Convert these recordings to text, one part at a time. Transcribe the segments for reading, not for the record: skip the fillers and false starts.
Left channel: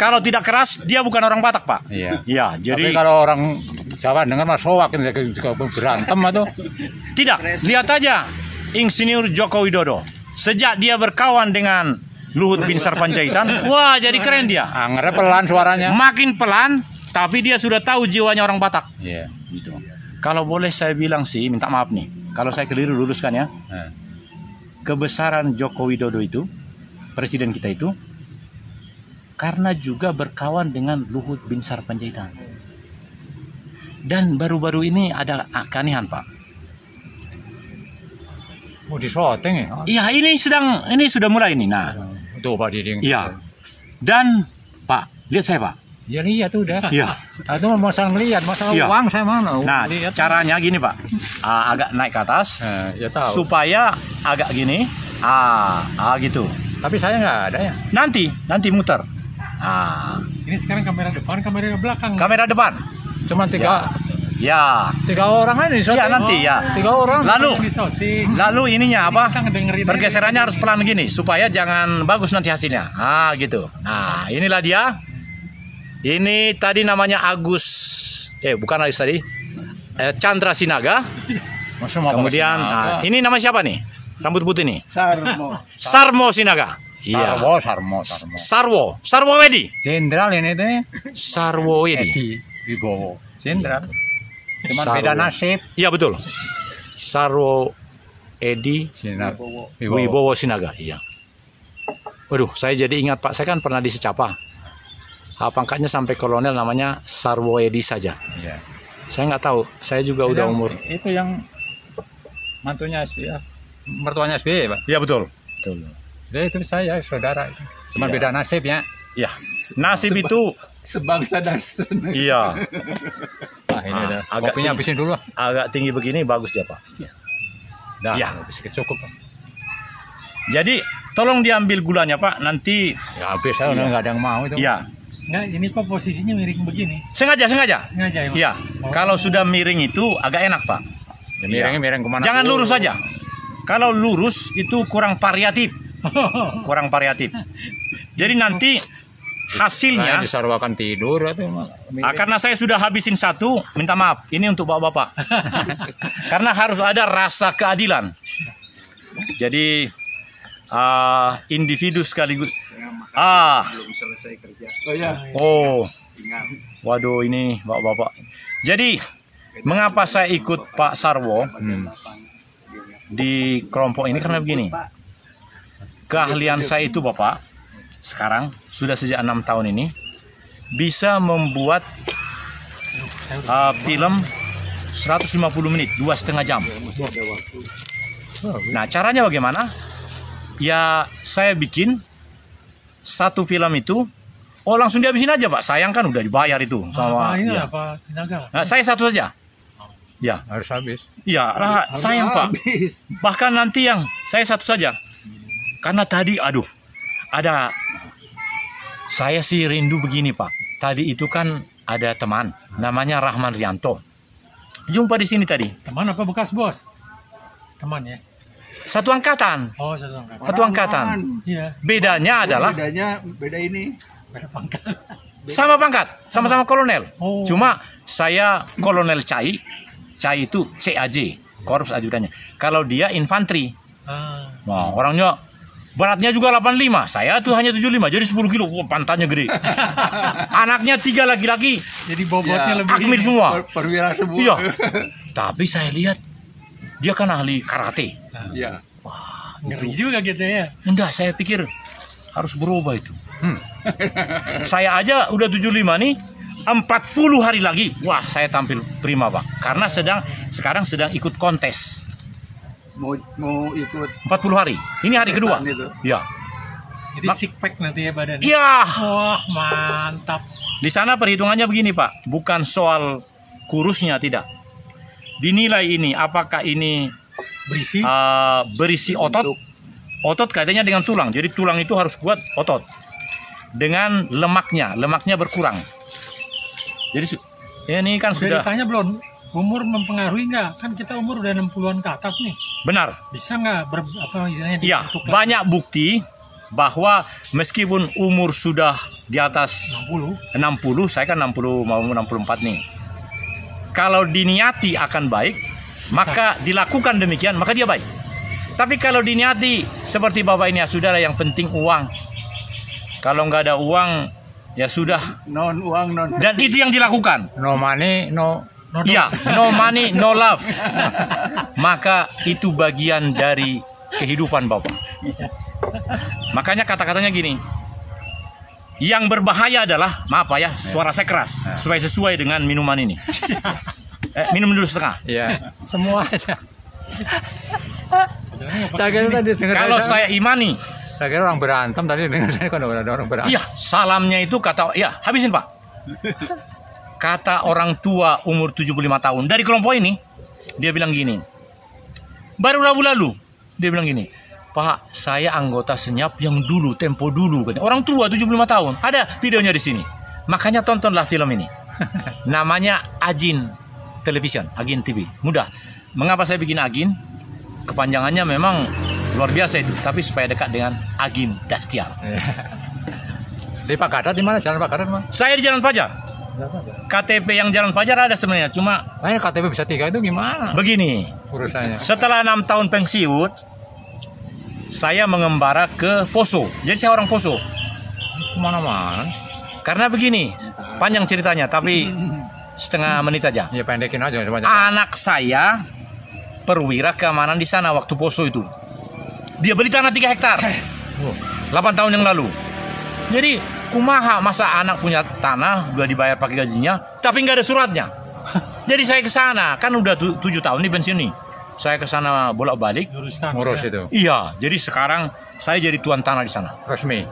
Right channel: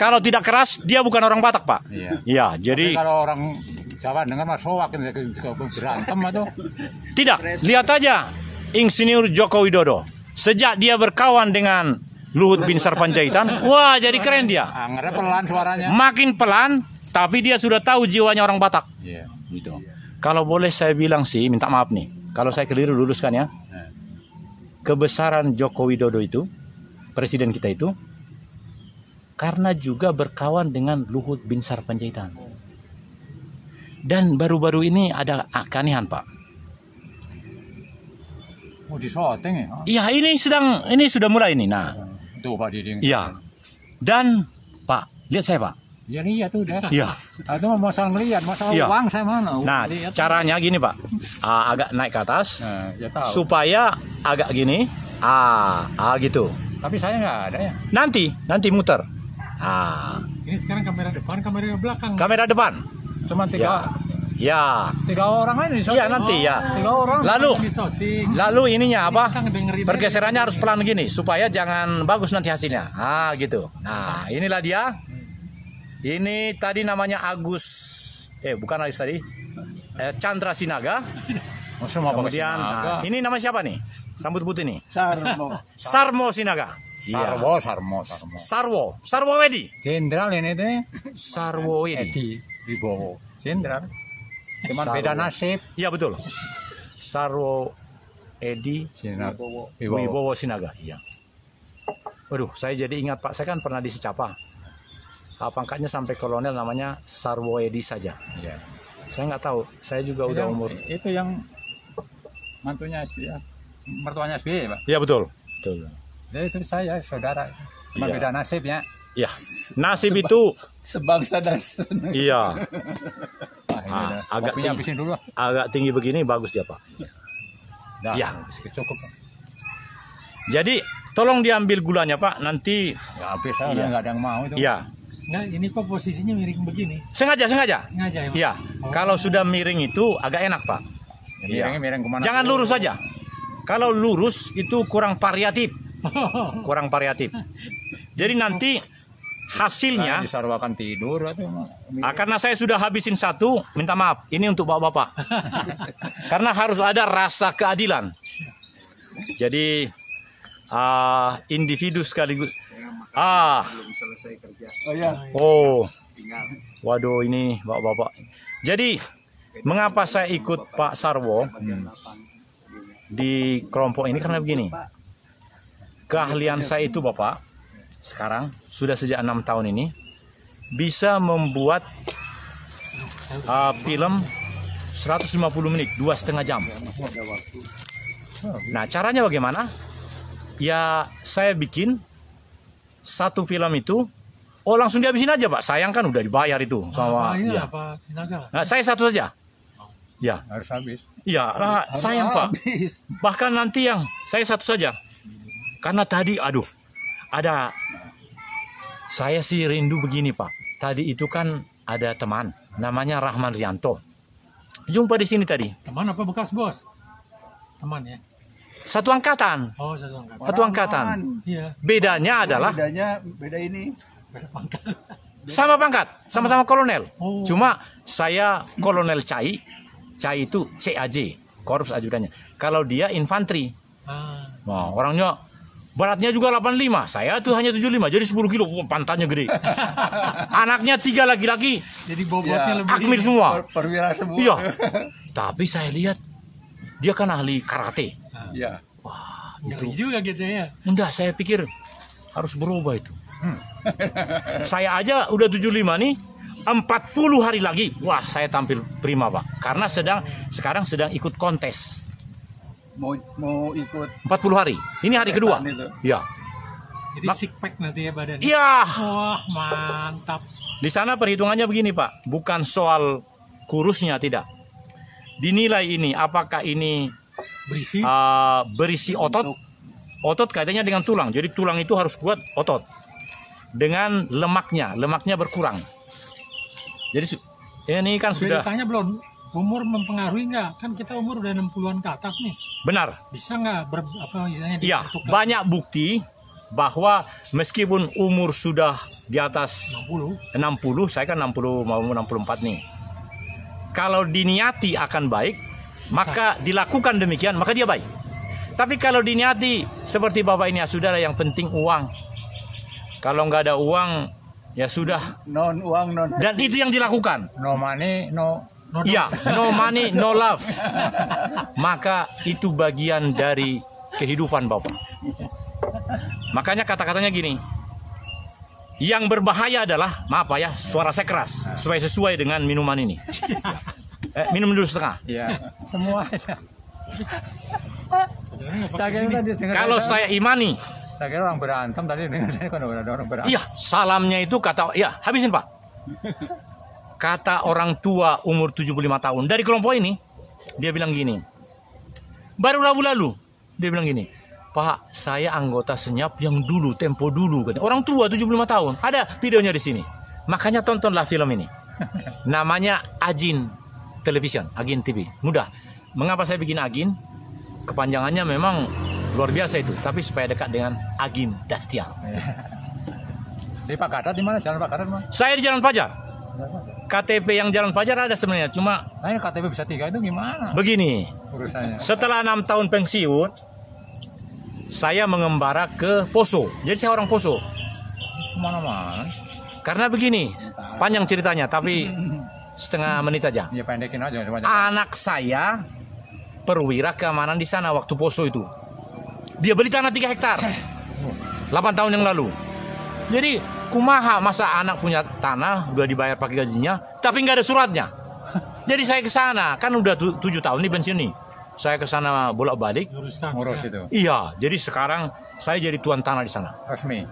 Kalau tidak keras, dia bukan orang Batak, Pak. Iya. Iya, jadi Tapi kalau orang Jawa dengar mas soak juga berantem atau tidak. Lihat aja Insinyur Joko Widodo. Sejak dia berkawan dengan Luhut Binsar Panjaitan, wah jadi keren dia. anggernya pelan suaranya. Makin pelan, tapi dia sudah tahu jiwanya orang Batak. Iya. Gitu. Kalau boleh saya bilang sih, minta maaf nih. Kalau saya keliru luruskan ya. Kebesaran Joko Widodo itu, presiden kita itu, karena juga berkawan dengan Luhut Binsar Panjaitan. Dan baru-baru ini ada keanehan, Pak. Oh, di syuting ya? Iya, ini sudah mulai ini. Nah, Tuh Pak Diding. iya. Dan Pak, lihat saya, Pak. Ya lihat tuh udah. Iya. Itu masalah ngelihat, masalah Iya. uang saya mana? Nah, lihat. caranya gini, Pak. Agak naik ke atas Ya tahu. supaya agak gini. Gitu. Tapi saya nggak ada ya. Nanti muter. Ini sekarang kamera depan, kamera belakang. Kamera depan. Cuma tiga orang aja di syuting. Ya, nanti ya. 3 orang. Lalu ininya apa? Kita ngedengerin Pergeserannya harus pelan gini supaya jangan bagus nanti hasilnya. Gitu. Nah, inilah dia. Ini tadi namanya Agus. Bukan Agus tadi. Chandra Sinaga. Kemudian ini nama siapa nih? Rambut putih nih. Sarmo Sinaga. Iya. Sarwo Wedi. Jenderal ini tuh. Sarwo Wedi. Edi Wibowo. Jenderal. Cuma Sarwo. beda nasib. Iya betul. Sarwo Edi Sinaga. Wibowo Sinaga. Iya. Waduh, saya jadi ingat Pak. Saya kan pernah di Secapa. Pangkatnya sampai kolonel, namanya Sarwo Edi saja. Iya. Saya nggak tahu. Saya juga udah umur. Itu yang mantunya SBY. Mertuanya SBY, Pak. Iya betul. Ya, itu saya saudara. Cuma beda nasib ya. Ya. Nasib itu Sebangsa dan iya. Nah, ini dah. agak Kopinya habisin dulu. agak tinggi begini bagus dia, Pak. Dah, Ya. cukup. Jadi tolong diambil gulanya, Pak. Nanti Ya habis saya udah nggak ada yang mau itu. ya. Enggak, ini kok posisinya miring begini. Sengaja. Sengaja ya, Pak? Iya. Kalau sudah miring itu agak enak, Pak. Ya, miring kemana? Jangan dulu. lurus saja. Kalau lurus itu kurang variatif. Jadi nanti hasilnya Disarwakan tidur atau karena saya sudah habisin satu, minta maaf. Ini untuk bapak-bapak. Karena harus ada rasa keadilan. Jadi individu sekaligus. Waduh ini bapak-bapak. Jadi mengapa saya ikut Pak Sarwo di kelompok ini karena begini. Keahlian saya itu Bapak sekarang sudah sejak 6 tahun ini bisa membuat film 150 menit, 2,5 jam. Nah, caranya bagaimana? Ya, saya bikin satu film itu, langsung dihabisin aja, Pak. Sayang kan udah dibayar itu sama. Apa Sinaga? Nah, saya satu saja. Ya, harus habis. ya, sayang Pak. Bahkan nanti yang saya satu saja. Karena tadi, saya sih rindu begini Pak. Tadi itu kan ada teman, namanya Rahman Rianto. Jumpa di sini tadi. Teman apa bekas bos? Teman ya? Satu angkatan. Oh, satu angkatan. Satu angkatan. Iya. Bedanya adalah Beda ini. Beda pangkat. sama pangkat, sama-sama kolonel. Oh. Cuma saya kolonel Cai itu CAJ, korps ajudannya. Kalau dia infanteri. Nah, orangnya beratnya juga 85, saya tuh hanya 75, jadi 10 kilo. Pantatnya gede. Anaknya 3 laki-laki. Jadi bobotnya lebih akmil semua. Perwira semua. Iya. Tapi saya lihat dia kan ahli karate. Iya. Wah, ngeri juga gitu ya. Enggak, saya pikir harus berubah itu. Saya aja udah 75 nih, 40 hari lagi, wah saya tampil prima Pak. Karena sekarang sedang ikut kontes. Mau ikut 40 hari. Ini hari kedua. Iya. Jadi six pack nanti ya badannya. Iya. Wah, mantap. Di sana perhitungannya begini Pak, bukan soal kurusnya, tidak. Dinilai ini apakah ini berisi otot. Otot kaitannya dengan tulang. Jadi tulang itu harus kuat, otot. Dengan lemaknya berkurang. Jadi ini kan sudah ditanya belum, umur mempengaruhi nggak? Kan kita umur udah 60-an ke atas nih. Benar. Bisa nggak Iya, banyak bukti bahwa meskipun umur sudah di atas 60. 60, saya kan 60 mau 64 nih. Kalau diniati akan baik, maka dilakukan demikian, maka dia baik. Tapi kalau diniati seperti Bapak ini, ya saudara, yang penting uang. Kalau nggak ada uang, ya sudah. Non uang non. Dan itu yang dilakukan. No money, no. Ya, no money, no love. Maka itu bagian dari kehidupan Bapak. Makanya kata-katanya gini. Yang berbahaya adalah, maaf Pak ya, suara saya keras, supaya sesuai dengan minuman ini. Minum dulu setengah. Iya, semua aja. Saya kira tadi dengar Kalau saya imani, saya kira orang berantem tadi dengar saya kan ada orang berantem. iya, salamnya itu kata, ya habisin Pak. Kata orang tua umur 75 tahun dari kelompok ini, dia bilang gini. Baru Rabu lalu, dia bilang gini, Pak, saya anggota senyap yang dulu, tempo dulu. Orang tua 75 tahun, ada videonya di sini. Makanya tontonlah film ini. Namanya Agin Television, Agin TV. Mudah. Mengapa saya bikin Agin? Kepanjangannya memang luar biasa itu, tapi supaya dekat dengan Agim Dastiar. Di Pak Gatot di mana? Jalan Pak Gatot mana? Saya di Jalan Fajar. KTP yang Jalan Fajar ada sebenarnya, cuma KTP bisa 3 itu gimana begini. urusannya? Setelah 6 tahun pensiun, saya mengembara ke Poso. Jadi saya orang Poso. Kemana-mana. Karena begini, panjang ceritanya, tapi setengah menit aja. Ya pendekin aja. Anak saya perwira keamanan di sana waktu Poso itu. Dia beli tanah 3 hektar 8 tahun yang lalu. Jadi kumaha masa anak punya tanah udah dibayar pakai gajinya, tapi nggak ada suratnya. Jadi saya ke sana, kan udah 7 tahun nih pensiun nih. Saya ke sana bolak-balik. Ngurus itu. Iya, jadi sekarang saya jadi tuan tanah di sana. Resmi.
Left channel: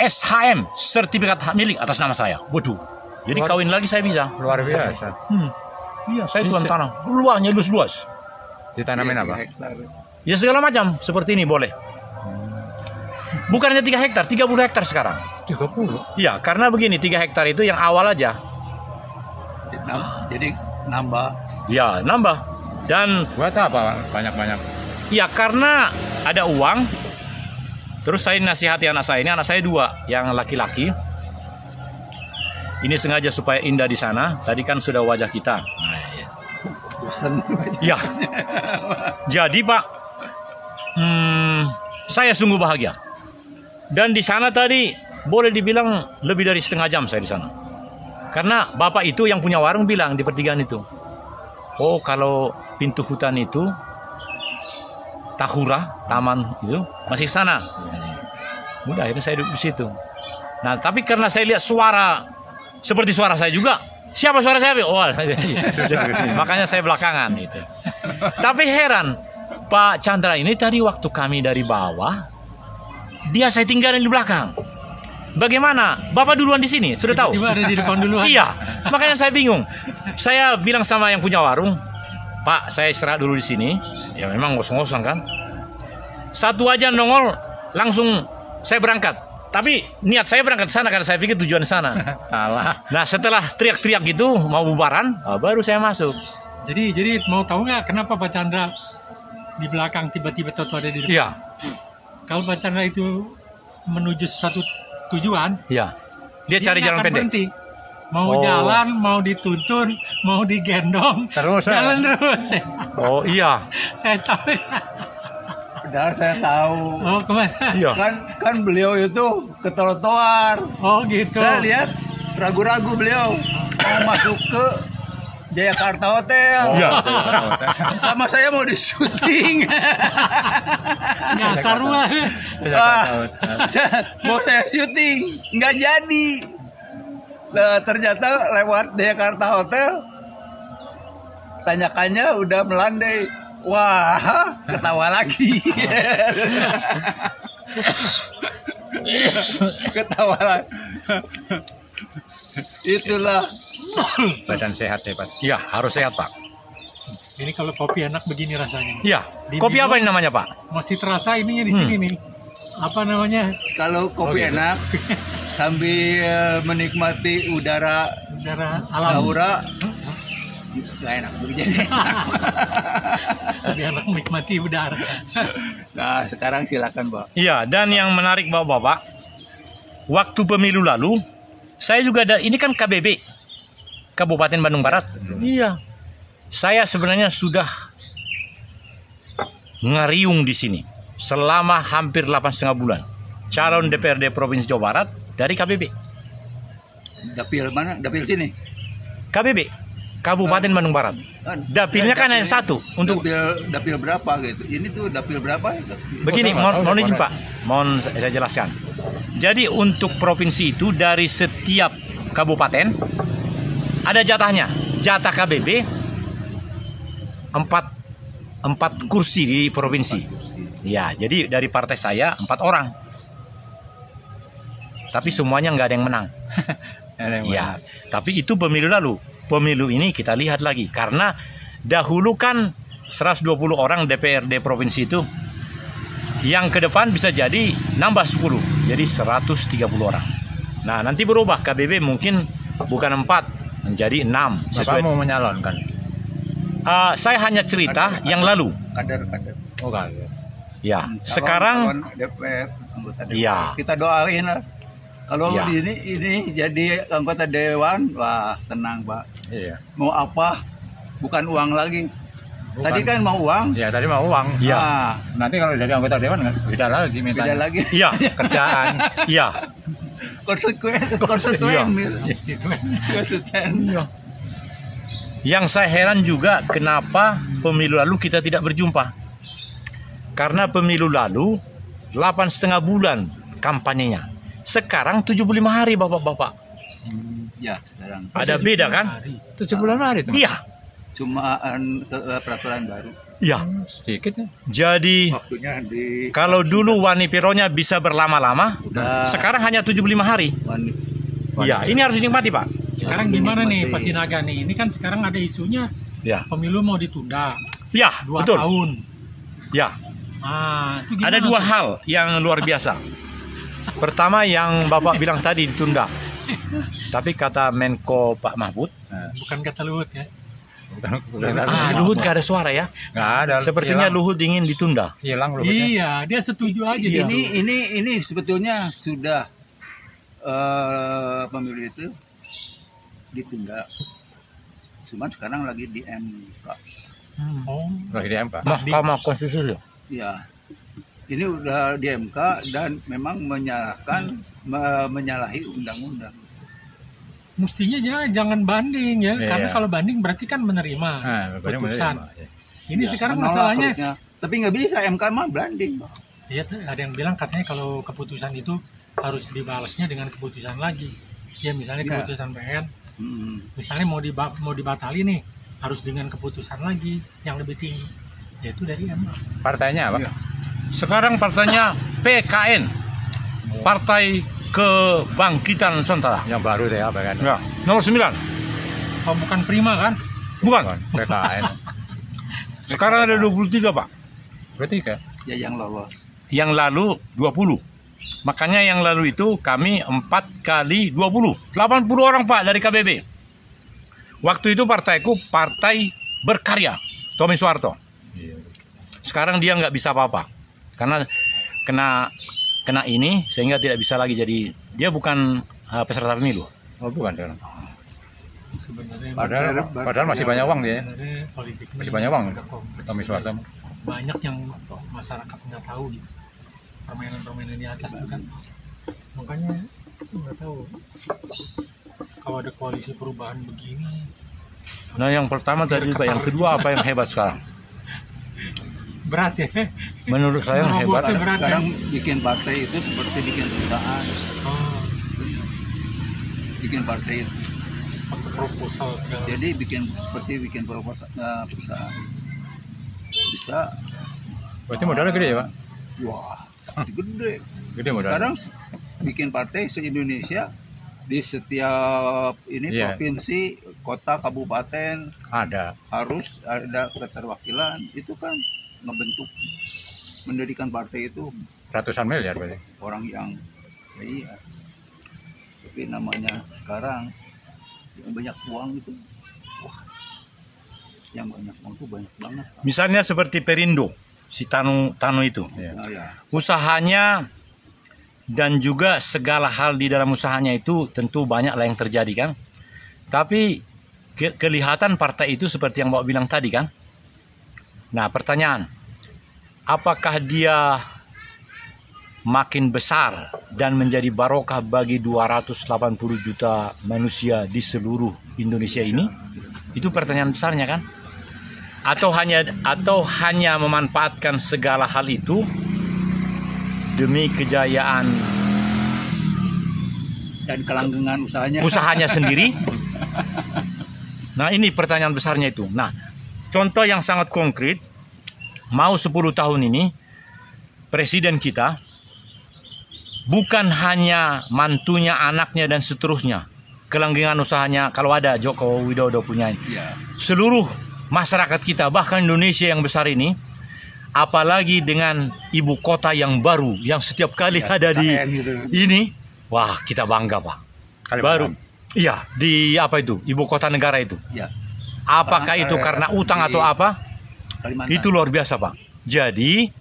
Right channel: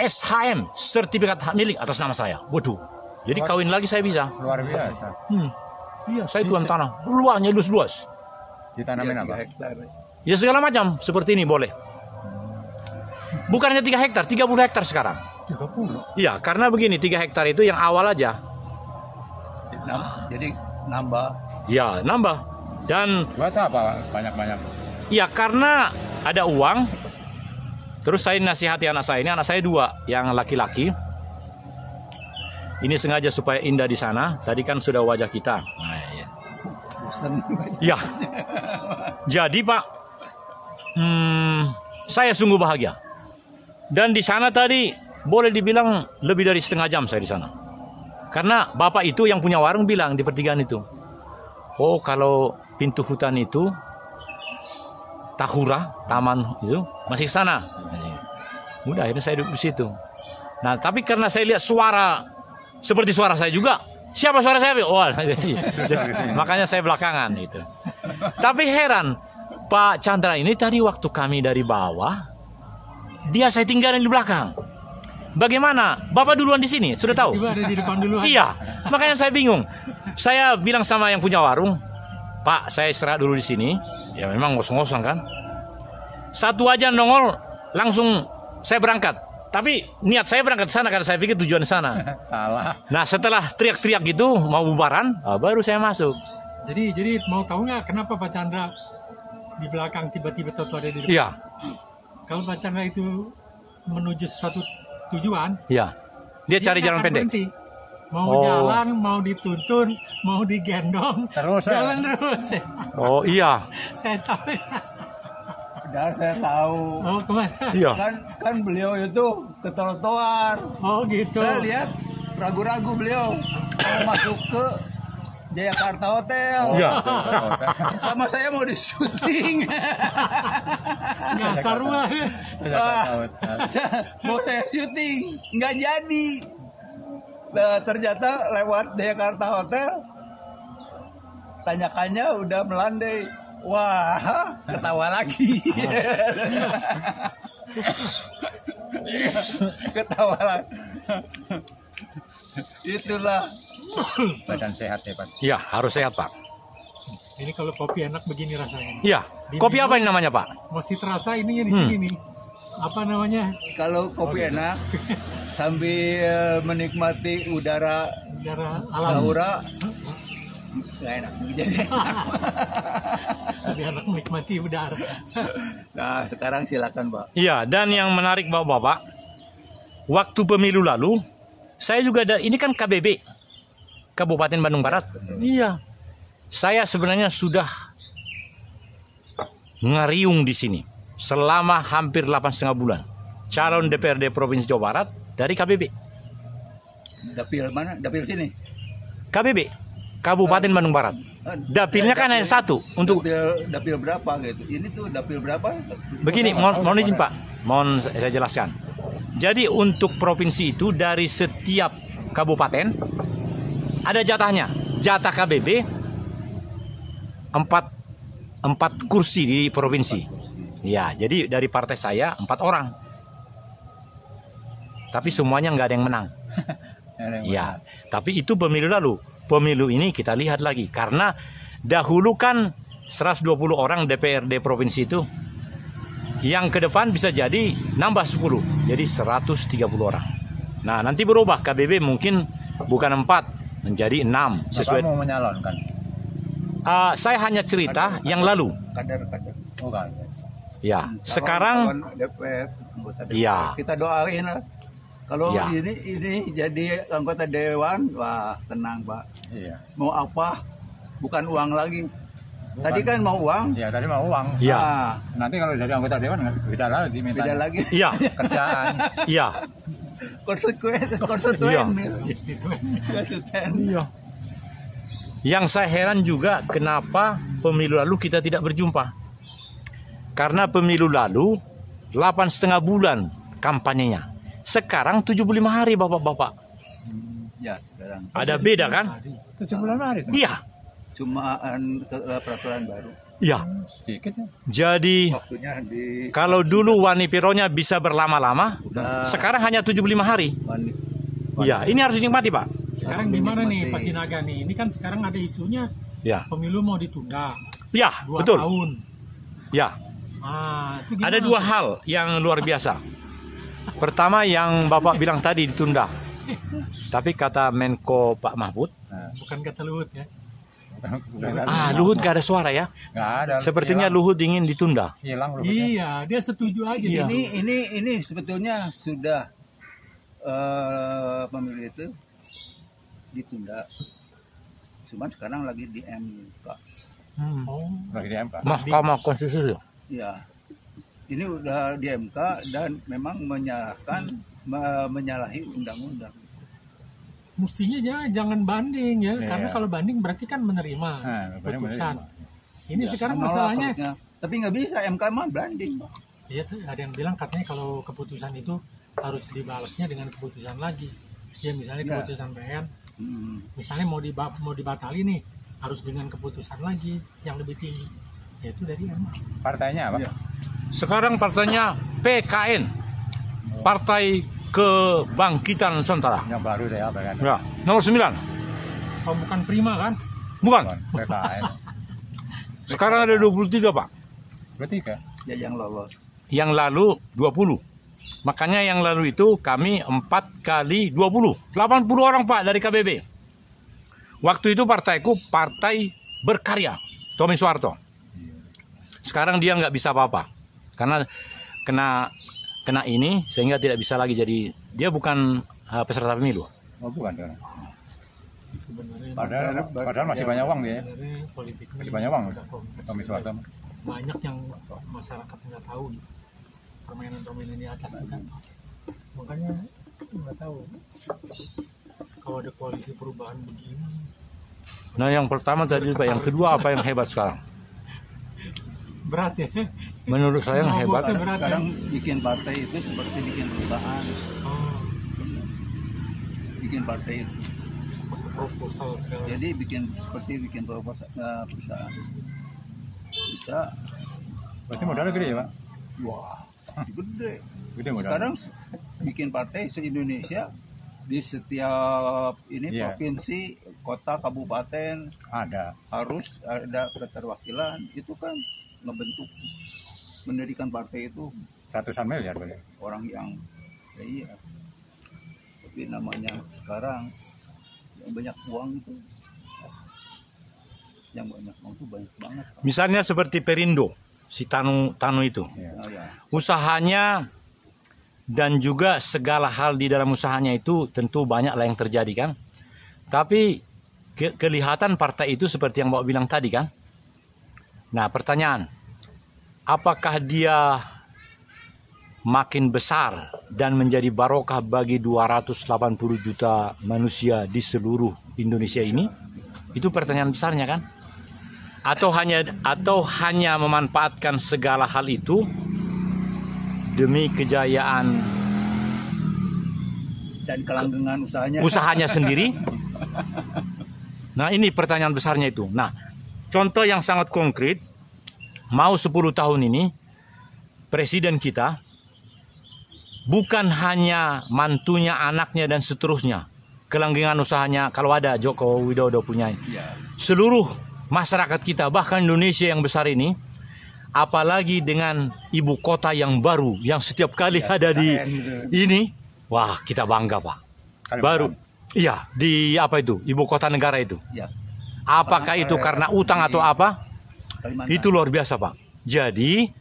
SHM, sertifikat hak milik atas nama saya. Waduh. Jadi kawin lagi saya bisa. Luar biasa. Iya, saya tuan tanah. Luasnya luas-luas. Ditanamin apa? Ya segala macam seperti ini boleh. Bukan hanya 3 hektar, 30 hektar sekarang. 30. Iya, karena begini, 3 hektar itu yang awal aja. Jadi nambah. Ya, nambah. Dan Buat apa banyak-banyak? ya karena ada uang. Terus saya nasihati anak saya ini, anak saya 2, yang laki-laki. Ini sengaja supaya indah di sana. Tadi kan sudah wajah kita. Nah, ya. Bosan. Ya. Jadi Pak, saya sungguh bahagia. Dan di sana tadi boleh dibilang lebih dari setengah jam saya di sana. Karena bapak itu yang punya warung bilang di pertigaan itu, oh kalau pintu hutan itu Tahura, taman itu masih sana. Udah akhirnya saya duduk di situ. Nah tapi karena saya lihat suara seperti suara saya juga, siapa suara saya? Oh, makanya saya belakangan gitu. Tapi heran, Pak Chandra ini tadi waktu kami dari bawah, dia saya tinggalin di belakang. Bagaimana? Bapak duluan di sini, sudah tahu? Tiba-tiba ada di depan duluan. Iya, makanya saya bingung. Saya bilang sama yang punya warung, Pak, saya istirahat dulu di sini. Ya memang ngos-ngosan kan. Satu aja nongol, langsung saya berangkat. Tapi niat saya berangkat ke sana karena saya pikir tujuan di sana. Salah. Nah setelah teriak-teriak gitu mau bubaran, baru saya masuk. Jadi mau tahu nggak kenapa Pak Chandra di belakang tiba-tiba tahu ada di depan? Iya, Kalau Pak Chandra itu menuju suatu tujuan, iya. Dia cari nggak jalan akan pendek. berhenti. Mau jalan, mau dituntun, mau digendong, Terus jalan terus. Oh iya, Saya tahu. Padahal saya tahu. Oh kemana? iya. Kan beliau itu ke trotoar. Oh gitu. Saya lihat ragu-ragu beliau mau masuk ke Jayakarta Hotel. Iya. Sama saya mau di syuting. Nyasar mah. Wah, mau saya syuting nggak jadi. Nah, ternyata lewat Jayakarta Hotel, tanyakannya udah melandai. Wah, ketawa lagi. Ketawa lagi. Itulah. Badan sehat hebat. Iya, harus sehat Pak. Ini kalau kopi enak begini rasanya. Iya. Kopi apa ini namanya Pak? Masih terasa ininya di sini nih. Apa namanya? Kalau kopi enak sambil menikmati udara Alam. Tahura, nggak enak begini. Lebih enak menikmati udara. Nah, sekarang silakan Pak. Iya, dan yang menarik Bapak-bapak, waktu pemilu lalu, saya juga ada, ini kan KBB, Kabupaten Bandung Barat. Iya. Saya sebenarnya sudah ngariung di sini selama hampir 8,5 bulan. Calon DPRD Provinsi Jawa Barat dari KBB. Dapil mana? Dapil sini. KBB, Kabupaten Bandung Barat. Dapilnya kan hanya satu untuk dapil berapa gitu. Ini tuh dapil berapa? begini, mohon izin Pak, mohon saya jelaskan. Jadi untuk provinsi itu dari setiap kabupaten ada jatahnya. Jatah KBB 4 kursi di provinsi. Ya, jadi dari partai saya 4 orang. Tapi semuanya nggak ada yang menang. Ya, tapi itu pemilu lalu. Pemilu ini kita lihat lagi karena dahulu kan 120 orang DPRD provinsi itu, yang ke depan bisa jadi nambah 10, jadi 130 orang. Nah, nanti berubah KBB mungkin bukan 4 menjadi 6 sesuai. Bapak mau menyalonkan? Saya hanya cerita yang lalu. Kader. Oh kan. Ya, sekarang DPR, anggota DPR. ya. Kita doain lah. Kalau Ya. ini jadi anggota dewan, wah tenang Pak. Iya. Mau apa? Bukan uang lagi. Bukan. Tadi kan mau uang. Ya tadi mau uang. Ya. Nah, Nanti kalau jadi anggota dewan kan beda lagi beda mintanya. lagi. Iya, Kerjaan. iya. Konsekuen. Iya. Yang saya heran juga kenapa pemilu lalu kita tidak berjumpa. Karena pemilu lalu 8,5 bulan kampanyenya. Sekarang 75 hari Bapak-bapak. Ya, sekarang. Ada beda kan? 7 bulan hari itu. Iya. Cuma peraturan baru. Iya. Sedikit ya. Jadi Waktunya di kalau dulu Wani Pironya bisa berlama-lama, udah sekarang hanya 75 hari. Iya, ini harus dinikmati, Pak. Sekarang gimana nih Pak Sinaga nih? Ini kan sekarang ada isunya Ya. pemilu mau ditunda Ya, 2 betul. tahun. Ya. Itu gimana Ada 2 tuh? hal yang luar biasa. Pertama yang Bapak bilang tadi ditunda. Tapi kata Menko Pak Mahfud, Bukan kata Luhut ya. Luhut gak ada suara ya. Nggak ada. Sepertinya hilang. Luhut ingin ditunda. Hilang Luhut. Iya, dia setuju aja dia. ini sebetulnya sudah pemilu itu ditunda. Cuman sekarang lagi di MK. Oh, Lagi di MK. Mahkamah Konstitusi. Ya. Ini udah di MK dan memang menyalahi undang-undang. mestinya jangan banding ya, Iya. karena kalau banding berarti kan menerima Nah, putusan. ya. Ini Ya, sekarang menolak masalahnya, harusnya. Tapi nggak bisa, MK mah banding. ya ada yang bilang katanya kalau keputusan itu harus dibalasnya dengan keputusan lagi. Ya misalnya Ya. keputusan PN, Hmm. misalnya mau dibatali nih, harus dengan keputusan lagi yang lebih tinggi, yaitu dari MK. Partainya apa? Sekarang partainya PKN, Partai Kebangkitan Nusantara. Yang baru deh apa kan? Ya, nomor 9. Oh, bukan Prima kan? Bukan. PKN. Sekarang ada 23, Pak. Berarti kan? Ya yang lolos. Yang lalu 20. Makanya yang lalu itu kami 4 kali 20. 80 orang, Pak, dari KBB. Waktu itu partaiku Partai Berkarya, Tommy Soeharto. Iya. Sekarang dia nggak bisa apa-apa. Karena kena ini sehingga tidak bisa lagi jadi, dia bukan peserta pemilu. Oh bukan kan? Sebenarnya Padahal masih banyak uang dia. sebenarnya politik ini Masih banyak uang. agak kompleks. Tommy Soeharto. Banyak yang masyarakat nggak tahu gitu, permainan-permainan di atas itu kan, makanya nggak tahu kalau ada koalisi perubahan begini. Nah, yang pertama tadi, Pak. Yang kedua apa yang hebat sekarang? Berat ya. Menurut saya yang hebat. Nerobosnya berat ya. Sekarang bikin partai itu seperti bikin perusahaan. Oh, Bikin partai itu. pakai proposal segala. Jadi seperti bikin perusahaan. Bisa, Berarti modalnya gede ya Pak? wah, gede. Gede modalnya. Sekarang bikin partai se-Indonesia di setiap ini Iya. provinsi, kota, kabupaten Ada. harus ada keterwakilan. Itu kan ngebentuk, mendirikan partai itu Ratusan miliar berarti. orang yang iya. Tapi namanya sekarang yang banyak uang itu, wah, yang banyak uang itu banyak banget. Misalnya seperti Perindo, si Tanu itu. Iya. Nah, ya. Usahanya dan juga segala hal di dalam usahanya itu tentu banyaklah yang terjadi kan. Tapi kelihatan partai itu seperti yang Bapak bilang tadi kan. Nah, pertanyaan, apakah dia makin besar dan menjadi barokah bagi 280 juta manusia di seluruh Indonesia ini? Itu pertanyaan besarnya kan? Atau hanya memanfaatkan segala hal itu demi kejayaan Dan kelanggengan usahanya sendiri? Nah, ini pertanyaan besarnya itu. Nah, contoh yang sangat konkret, mau 10 tahun ini presiden kita bukan hanya mantunya, anaknya dan seterusnya. Kelanggengan usahanya kalau ada Joko Widodo punya. Seluruh masyarakat kita, bahkan Indonesia yang besar ini, apalagi dengan ibu kota yang baru yang setiap kali ada di ini, wah kita bangga Pak. Baru, iya di apa itu ibu kota negara itu. Apakah itu karena utang atau apa? Itu luar biasa Pak. Jadi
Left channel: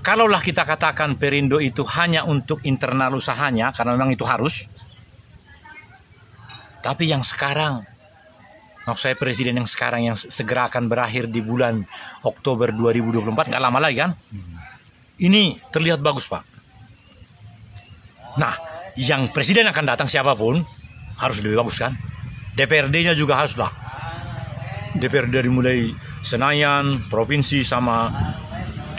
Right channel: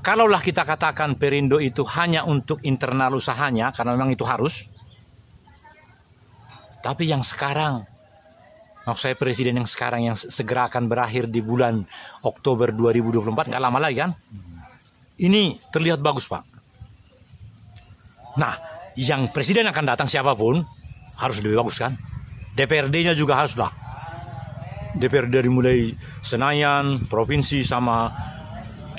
kalaulah kita katakan Perindo itu hanya untuk internal usahanya, karena memang itu harus. Tapi yang sekarang, maksud saya presiden yang sekarang yang segera akan berakhir di bulan Oktober 2024, nggak lama lagi kan? Ini terlihat bagus Pak. Nah, yang presiden akan datang siapapun harus lebih bagus kan? DPRD-nya juga harus lah. DPRD dari mulai Senayan, provinsi sama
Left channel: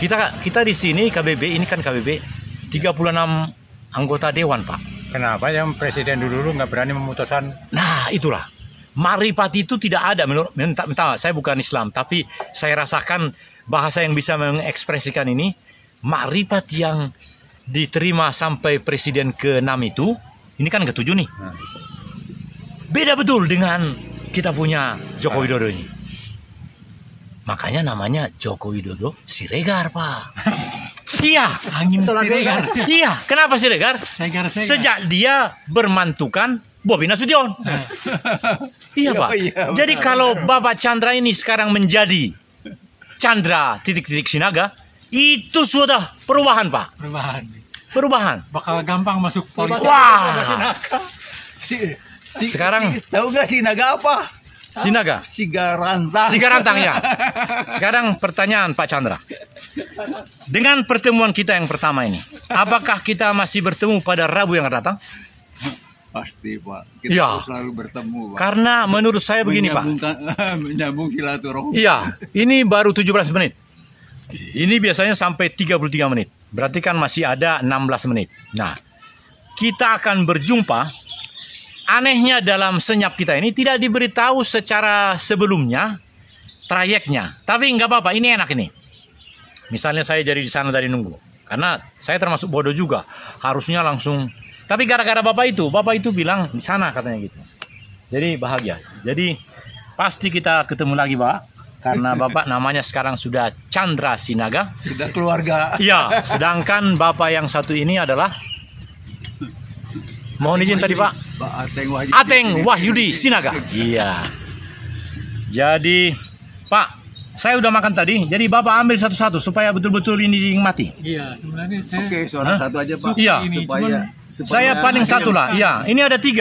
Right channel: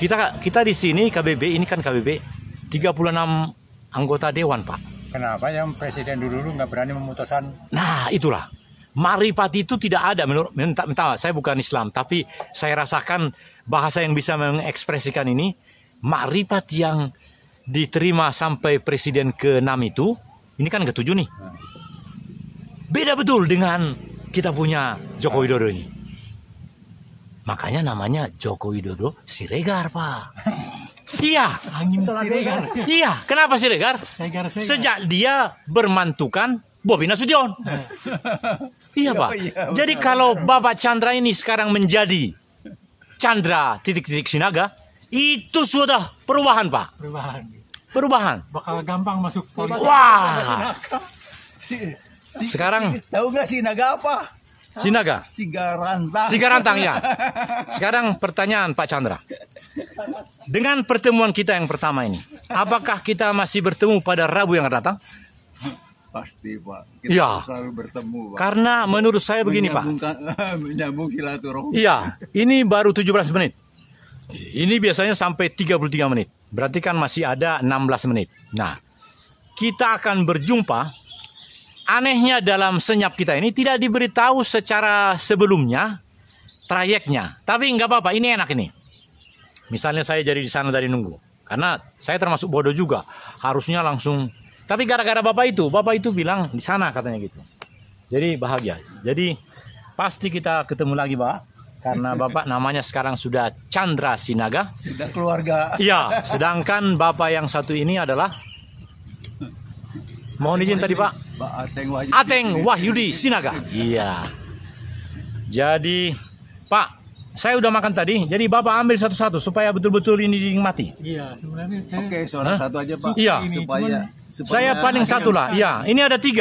kita di sini KBB, ini kan KBB 36 anggota dewan Pak. Kenapa yang presiden dulu nggak berani memutuskan? Nah, itulah. Marifat itu tidak ada menurut saya bukan Islam, tapi saya rasakan bahasa yang bisa mengekspresikan ini, marifat yang diterima sampai presiden ke-6 itu, ini kan ke-7 nih. Beda betul dengan kita punya Joko Widodo ini. Makanya namanya Joko Widodo Siregar, Pak. Iya, Angin Siregar. iya, kenapa Siregar? Segar. Sejak dia bermantukan Bobi Nasution. Iya Pak. Jadi kalau Bapak Chandra ini sekarang menjadi Chandra titik-titik Sinaga, itu sudah perubahan Pak. Perubahan. Bakal gampang masuk politik. Wah. Sekarang tahu nggak Sinaga apa? Sinaga. Sigarantang ya. Sekarang pertanyaan Pak Chandra. Dengan pertemuan kita yang pertama ini, apakah kita masih bertemu pada Rabu yang akan datang? Pasti Pak, kita ya, harus selalu bertemu Pak. Karena menurut saya begini Pak. Menyambung silaturahmi. Iya, ini baru 17 menit. Ini biasanya sampai 33 menit. Berarti kan masih ada 16 menit. Nah, kita akan berjumpa. Anehnya dalam senyap kita ini tidak diberitahu secara sebelumnya trayeknya. Tapi nggak apa-apa, ini enak ini. Misalnya saya jadi di sana dari nunggu. Karena saya termasuk bodoh juga. Harusnya langsung. Tapi gara-gara Bapak itu bilang di sana katanya gitu. Jadi bahagia. Jadi pasti kita ketemu lagi Pak. Karena Bapak namanya sekarang sudah Chandra Sinaga. Sudah keluarga. Iya, sedangkan Bapak yang satu ini adalah, mohon izin tadi Pak, Ateng Wahyudi Sinaga. Iya. Jadi Pak, saya udah makan tadi. Jadi Bapak ambil satu-satu supaya betul-betul ini dinikmati. Iya, sebenarnya saya. Oke, seorang satu aja Pak. Iya. Supaya saya paling satu lah. Iya, ini ada 3.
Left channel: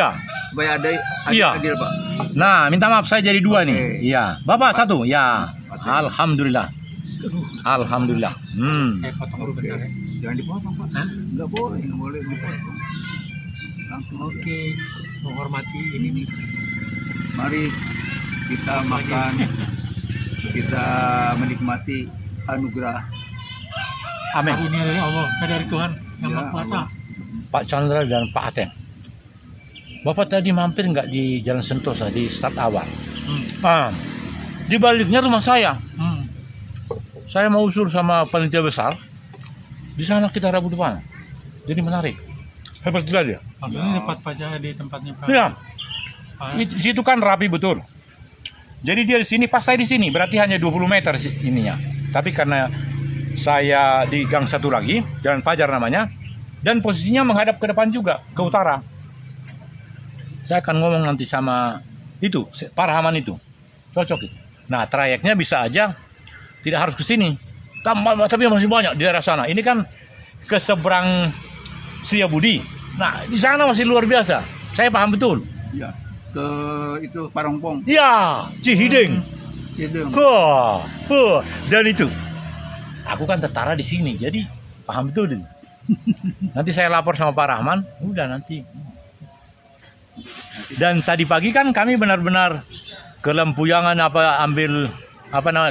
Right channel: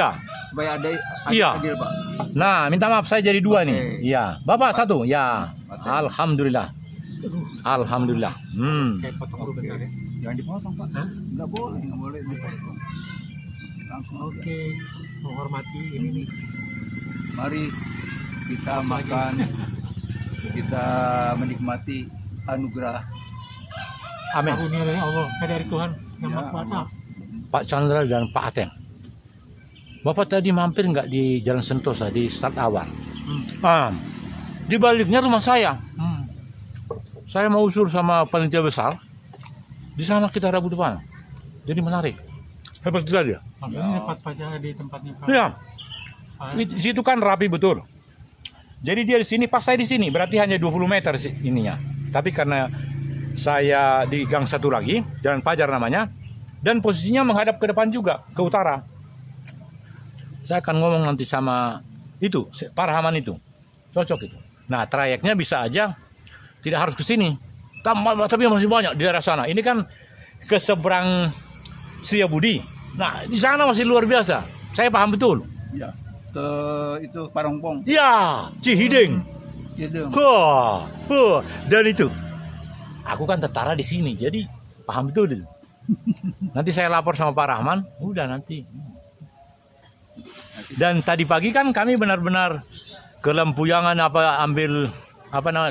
Supaya ada iya. adil Pak. Nah, minta maaf saya jadi 2 nih. Iya, Bapak 1. Ya. Alhamdulillah. Alhamdulillah. Saya potong dulu bentar ya. Jangan dipotong Pak. Nggak boleh memotong. Langsung. Oke, menghormati ini nih. Mari kita makan, kita menikmati anugerah. Amin. Karunia dari Allah, dari Tuhan yang Ya, Maha Kuasa. Pak Chandra dan Pak Ateng. Bapak tadi mampir nggak di Jalan Sentosa di start awal? Di baliknya rumah saya. Saya mau usul sama panitia besar. Di sana kita Rabu depan. Jadi menarik. Hebat juga dia. Maksudnya tempat pajak di tempatnya Pak. Iya. Di situ kan rapi betul. Jadi dia di sini, pas saya di sini, berarti hanya 20 meter ininya. Tapi karena saya di gang satu lagi, Jalan Pajar namanya, dan posisinya menghadap ke depan juga, ke utara. Saya akan ngomong nanti sama itu, Pak Rahman itu. Cocok itu. Nah, trayeknya bisa aja tidak harus ke sini. Tapi masih banyak di daerah sana. Ini kan ke seberang Setiabudi. Nah, di sana masih luar biasa. Saya paham betul. Ya, ke itu Parongpong. Ya, Cihideng. Gitu. Dan itu. Aku kan tertara di sini, jadi paham betul. Nanti saya lapor sama Pak Rahman, udah nanti. Dan tadi pagi kan kami benar-benar ke Lempuyangan ambil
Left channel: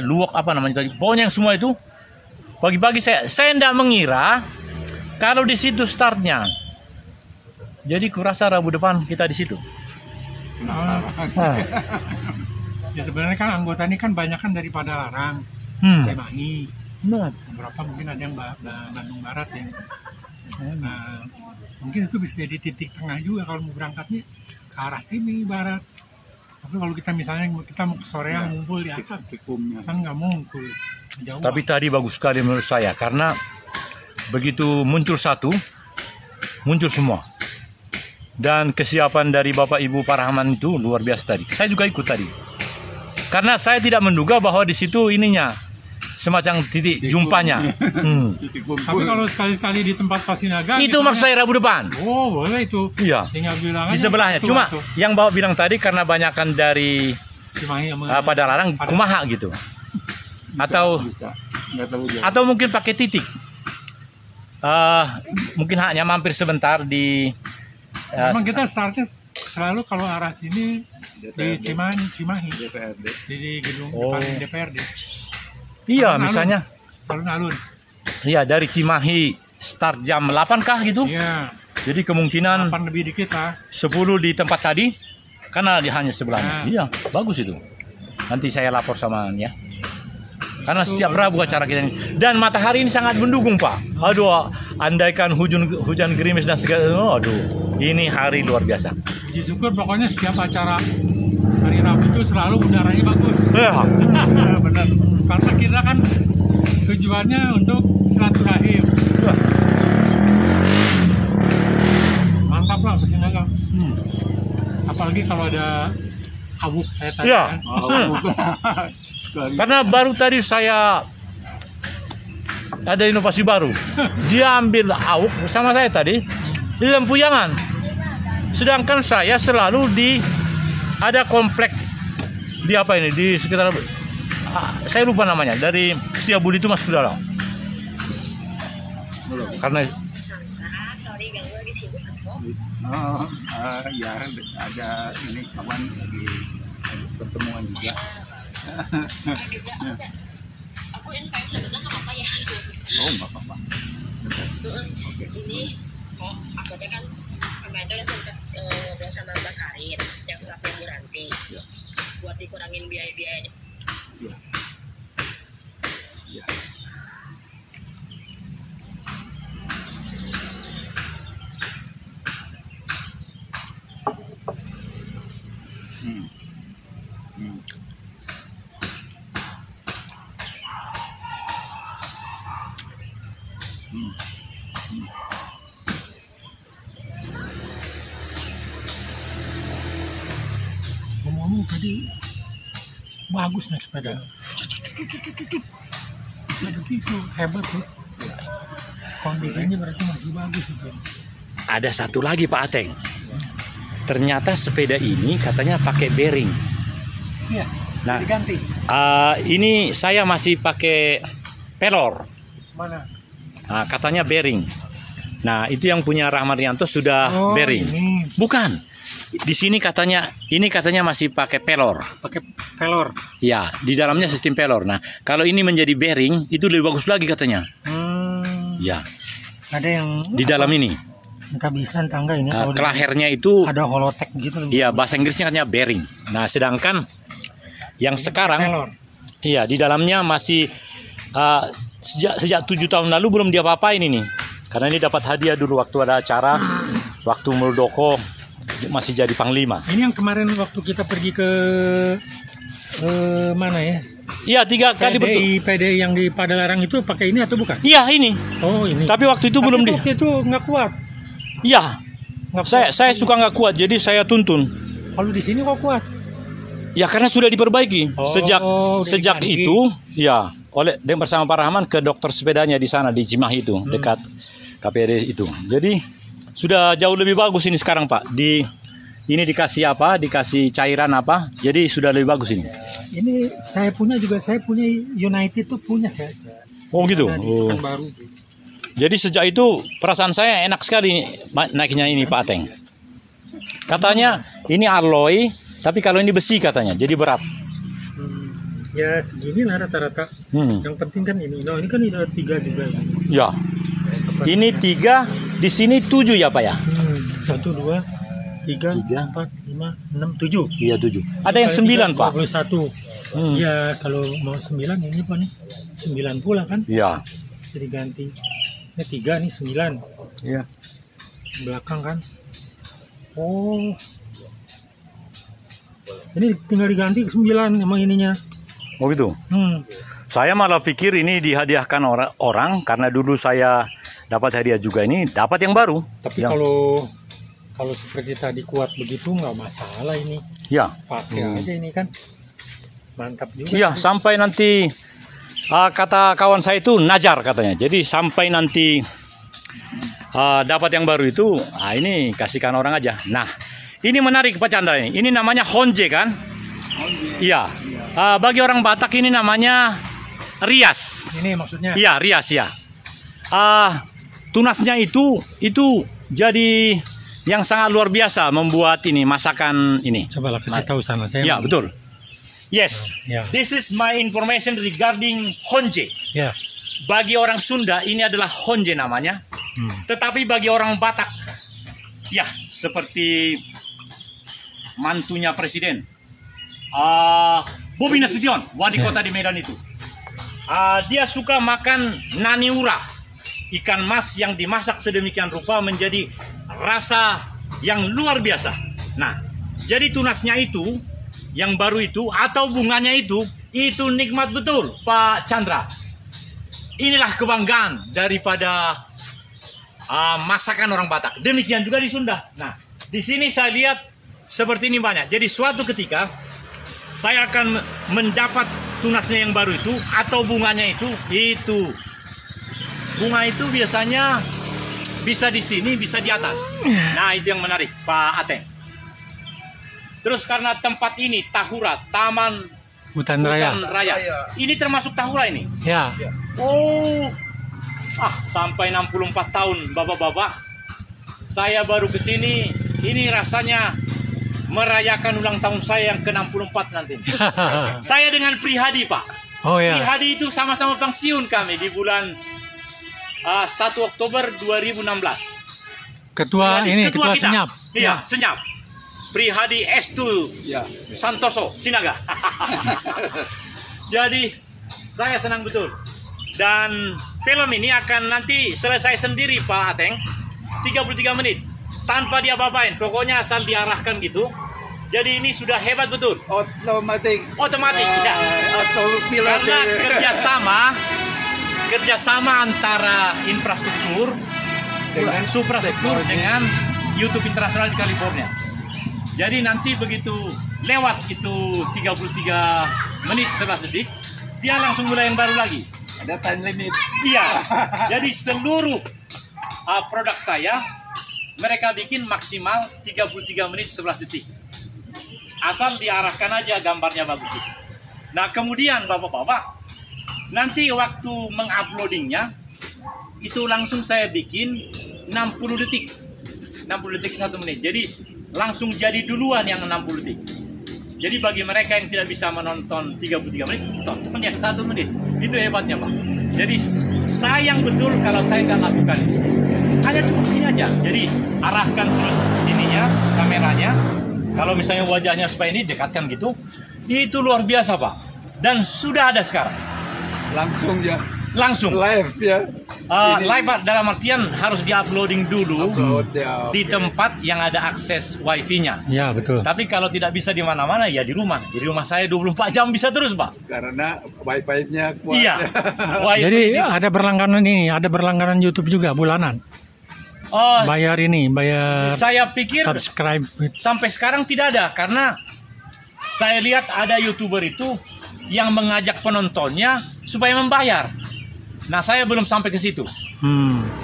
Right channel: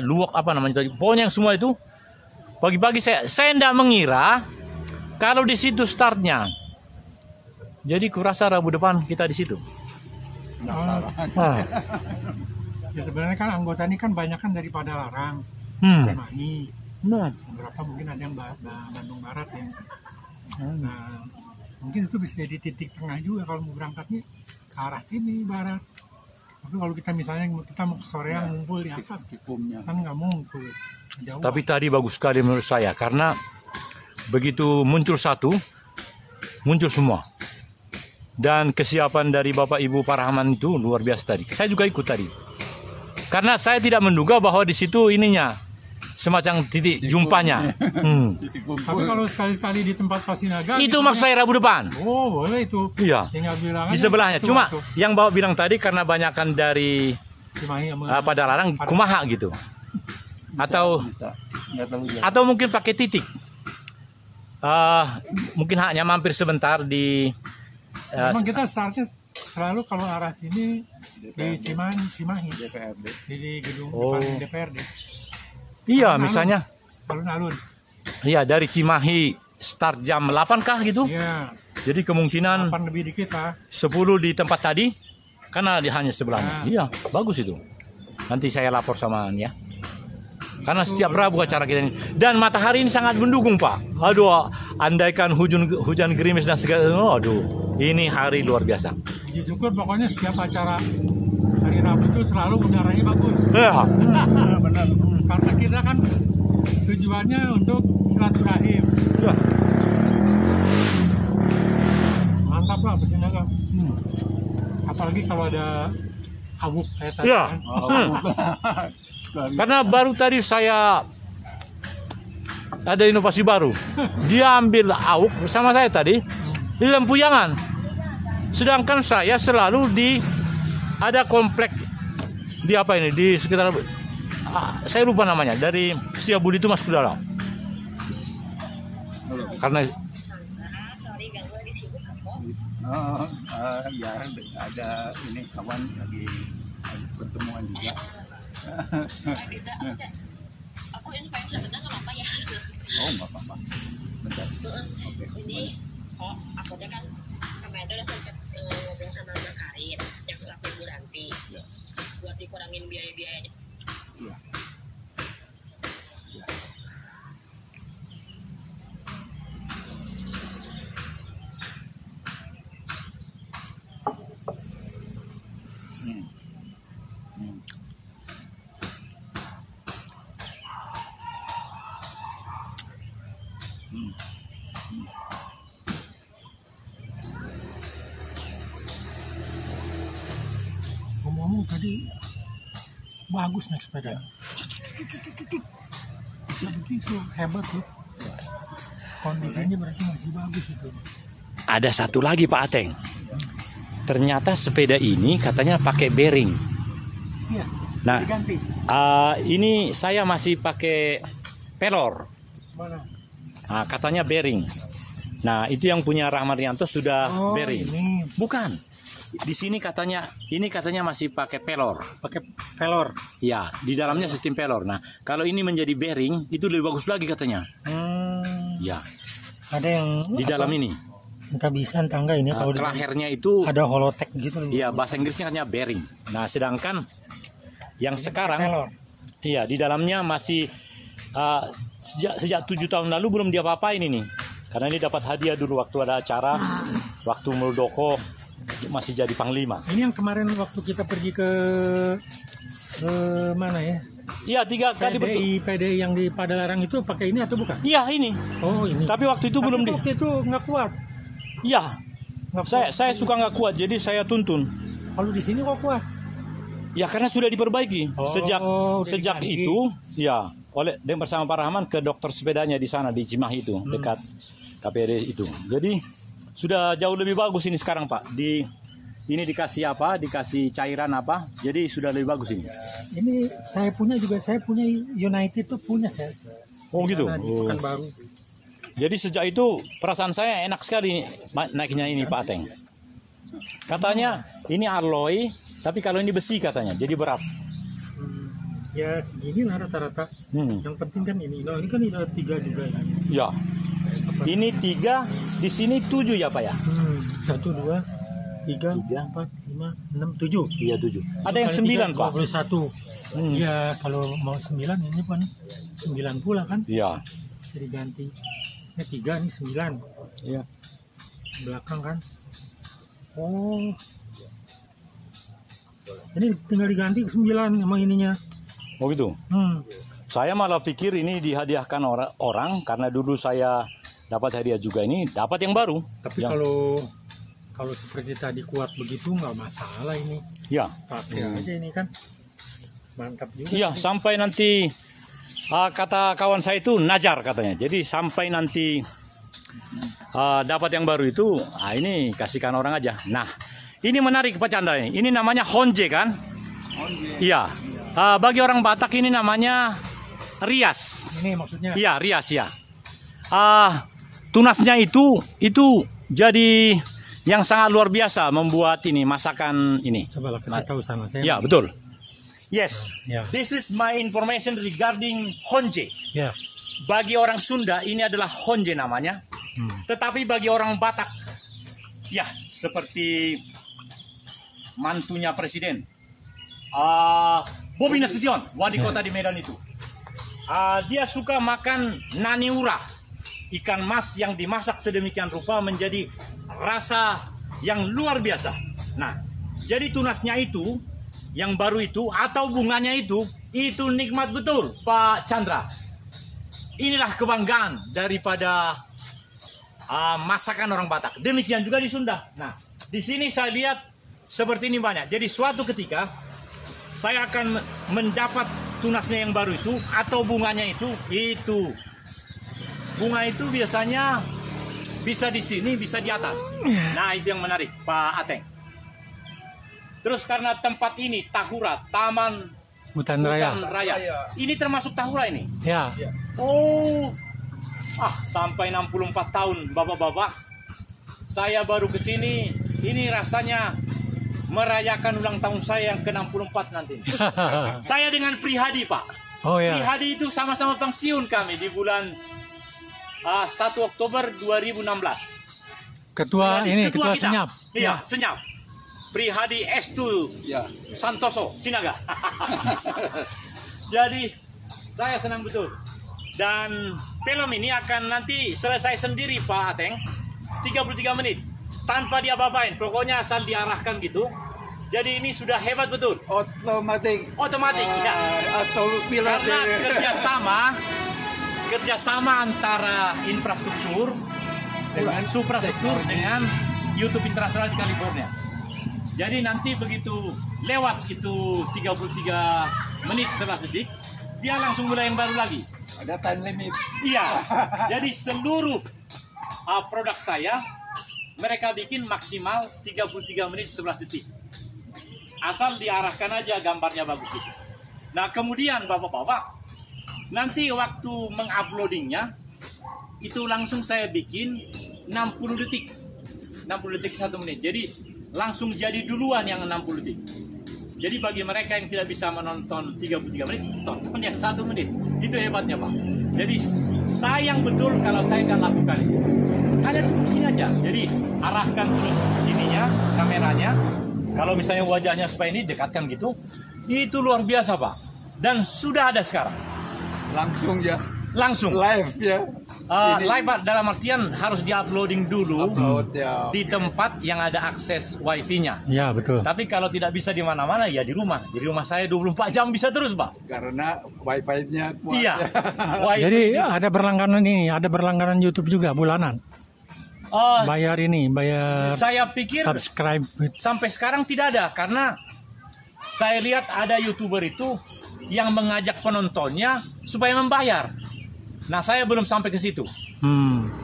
luwak tadi. Pokoknya yang semua itu pagi-pagi saya tidak mengira kalau di situ startnya. Jadi kurasa Rabu depan kita di situ. Nah. Ya sebenarnya kan anggota ini kan banyak kan dari Padalarang, Cimahi. Beberapa mungkin ada yang Bandung Barat ya. Nah, mungkin itu bisa jadi titik tengah juga kalau mau berangkatnya ke arah sini barat. Tapi kalau kita misalnya kita mau ke sorean ngumpul di atas, kan nggak ngumpul jauh. Tapi tadi bagus sekali menurut saya karena begitu muncul satu, muncul semua. Dan kesiapan dari Bapak Ibu Pak Rahman itu luar biasa tadi. Saya juga ikut tadi. Karena saya tidak menduga bahwa di situ ininya semacam titik jumpanya. Tapi kalau sekali-sekali di tempat Pasinaga itu maksud saya Rabu depan. Oh boleh itu. Iya. Tinggal bilang di sebelahnya. Cuma yang bawa bilang tadi karena banyakan dari Padalarang kumaha gitu. Atau mungkin pakai titik. Mungkin hanya mampir sebentar di. Memang kita startnya selalu kalau arah sini di Cimahi. DPRD. Di gedung depan DPRD. Iya, misalnya alun-alun. Iya, dari Cimahi start jam 8 kah gitu? Iya. Jadi kemungkinan 8 lebih dikit lah. 10 di tempat tadi karena hanya sebelahnya. Iya, bagus itu. Nanti saya lapor sama ya. Karena setiap Rabu acara kita ini. Dan matahari ini sangat mendukung, Pak. Aduh, andaikan hujan gerimis dan segala. Aduh, ini hari luar biasa. Puji syukur pokoknya setiap acara hari Rabu itu selalu udaranya bagus. Benar. Karena kita kan tujuannya untuk silaturahim. Mantap lah Pasinaga. Apalagi kalau ada awuk kayak tadi. Ya. Kan? Karena baru tadi saya ada inovasi baru. Dia ambil awuk bersama saya tadi di Lempuyangan. Sedangkan saya selalu ada komplek di apa ini di sekitar saya lupa namanya, dari Setiabudi itu masuk ke dalam. Karena ya ada ini kawan lagi pertemuan juga. Aku invite sebentar nggak apa-apa ya? Oh nggak apa-apa. Oke. Ini akhirnya kan kemarin udah sempat ngobrol sama Mbak Karin yang staffnya Bu Ranti buat dikurangin biaya-biayanya. Ya. Ya. Ngomong tadi bagus naik sepeda. Bisa begitu, hebat tuh. Kondisinya berarti masih bagus itu. ada satu lagi Pak Ateng. Ternyata sepeda ini katanya pakai bearing. Iya. Nah, Diganti. ini saya masih pakai pelor. Mana? Nah, katanya bearing. Nah, itu yang punya Rahman Rianto sudah bearing. Ini. Bukan. Di sini katanya, ini katanya masih pakai pelor. Pakai pelor. Ya, di dalamnya sistem pelor. Nah, kalau ini menjadi bearing, itu lebih bagus lagi katanya. Ya, Ada yang di dalam ini. kehabisan tangga ini. Kalau Kelahernya itu, ada holotek gitu. iya, bahasa Inggrisnya katanya bearing. Nah, sedangkan yang sekarang, Pelor. iya, di dalamnya masih sejak 7 tahun lalu belum dia apa-apain ini. Karena ini dapat hadiah dulu waktu ada acara, waktu Muldoko masih jadi panglima. Ini yang kemarin waktu kita pergi ke mana ya? Iya, 3 kali betul. PDI yang di Padalarang itu pakai ini atau bukan? Iya, ini. Oh, ini. Tapi waktu itu belum di. Waktu itu nggak kuat. Iya. Saya suka nggak kuat, jadi saya tuntun. Kalau di sini kok kuat? Ya karena sudah diperbaiki. Oh, Sejak diganti. itu, ya, oleh bersama Pak Rahman ke dokter sepedanya di sana di Cimahi itu, dekat KPRD itu. Jadi sudah jauh lebih bagus ini sekarang Pak. Ini dikasih apa? Dikasih cairan apa? Jadi sudah lebih bagus ini. Ini saya punya United tuh punya saya. Oh gitu. Nah, Oh. kan baru. Jadi sejak itu perasaan saya enak sekali naiknya ini Pak Ateng. Katanya ini alloy, tapi kalau ini besi katanya, jadi berat. Ya segini lah rata-rata. Yang penting kan ini. Nah ini kan ada 3 juga. Ya. Ini 3, di sini 7 ya Pak ya? 1, 2, 3, 4, 5, 6, 7. Iya 7. Ada yang 9 Pak. 21. Ya kalau mau 9 ini Pak nih 9 pula kan? Iya. Bisa diganti. Ini 3 nih 9. Iya. Belakang kan? Oh. Ini tinggal diganti 9 emang ininya. Oh gitu. Saya malah pikir ini dihadiahkan orang karena dulu saya dapat hadiah juga, ini dapat yang baru. Tapi kalau seperti tadi kuat begitu nggak masalah ini. Ya. Pakai aja ini kan. Mantap juga. Iya, sampai nanti kata kawan saya itu najar katanya. Jadi sampai nanti dapat yang baru itu, ini kasihkan orang aja. Nah, ini menarik Pak Chandra ini. Ini namanya Honje kan? Iya. Bagi orang Batak ini namanya rias. Ini maksudnya? Iya, rias ya. Tunasnya itu jadi yang sangat luar biasa membuat ini masakan ini. Coba lah kasih tahu sana saya. Ya, betul. Yes. Ya. This is my information regarding Honje. Ya. Bagi orang Sunda ini adalah Honje namanya. Tetapi bagi orang Batak, ya seperti mantunya presiden, Bobi Nasution, wali kota di Medan itu. Dia suka makan naniura, ikan mas yang dimasak sedemikian rupa menjadi rasa yang luar biasa. Nah, jadi tunasnya itu, yang baru itu atau bunganya itu nikmat betul Pak Chandra. Inilah kebanggaan daripada masakan orang Batak. Demikian juga di Sunda. Nah, di sini saya lihat seperti ini banyak. Jadi suatu ketika saya akan mendapat tunasnya yang baru itu atau bunganya itu. Bunga itu biasanya bisa di sini, bisa di atas. Nah, itu yang menarik Pak Ateng. Terus karena tempat ini Tahura, Taman Hutan Raya. Ini termasuk Tahura ini. Ya. Oh, sampai 64 tahun bapak-bapak. Saya baru ke sini. Ini rasanya merayakan ulang tahun saya yang ke-64 nanti. Saya dengan Prihadi, Pak. Oh ya. Prihadi itu sama-sama pensiun kami di bulan 1 Oktober 2016. Ketua Prihadi, ini, ketua ketua kita. Senyap. Iya, Senyap. Prihadi Estu Santoso Sinaga. Jadi saya senang betul. Dan film ini akan nanti selesai sendiri Pak Ateng, 33 menit tanpa dia apa-apain, pokoknya asal diarahkan gitu. Jadi ini sudah hebat betul. Otomatis ya. Karena kerjasama antara infrastruktur, suprastruktur dengan YouTube Internasional di California. Jadi nanti begitu lewat itu 33 menit 11 detik, dia langsung mulai yang baru lagi. Ada time limit. Iya. Jadi seluruh produk saya mereka bikin maksimal 33 menit 11 detik. Asal diarahkan aja gambarnya bagus gitu. Nah, kemudian Bapak-bapak, nanti waktu menguploadingnya itu langsung saya bikin 60 detik. 60 detik 1 menit. Jadi langsung jadi duluan yang 60 detik. Jadi bagi mereka yang tidak bisa menonton 33 menit, tonton yang 1 menit. Itu hebatnya Pak. Jadi sayang betul kalau saya nggak lakukan itu. Hanya cukup ini aja. Jadi arahkan terus ininya, kameranya. Kalau misalnya wajahnya supaya ini dekatkan gitu, itu luar biasa Pak. Dan sudah ada sekarang. Langsung ya. Langsung. Live ya. Live dalam artian harus di-uploading dulu Ya, di tempat yang ada akses wifi-nya. Ya, betul. Tapi kalau tidak bisa di mana-mana ya di rumah. Di rumah saya 24 jam bisa terus, Pak. Karena wifi-nya kuat. Iya. Jadi ada berlangganan ini, ada berlangganan YouTube juga bulanan. Bayar ini, bayar Saya pikir subscribe. sampai sekarang tidak ada karena saya lihat ada YouTuber itu yang mengajak penontonnya supaya membayar. Nah, saya belum sampai ke situ.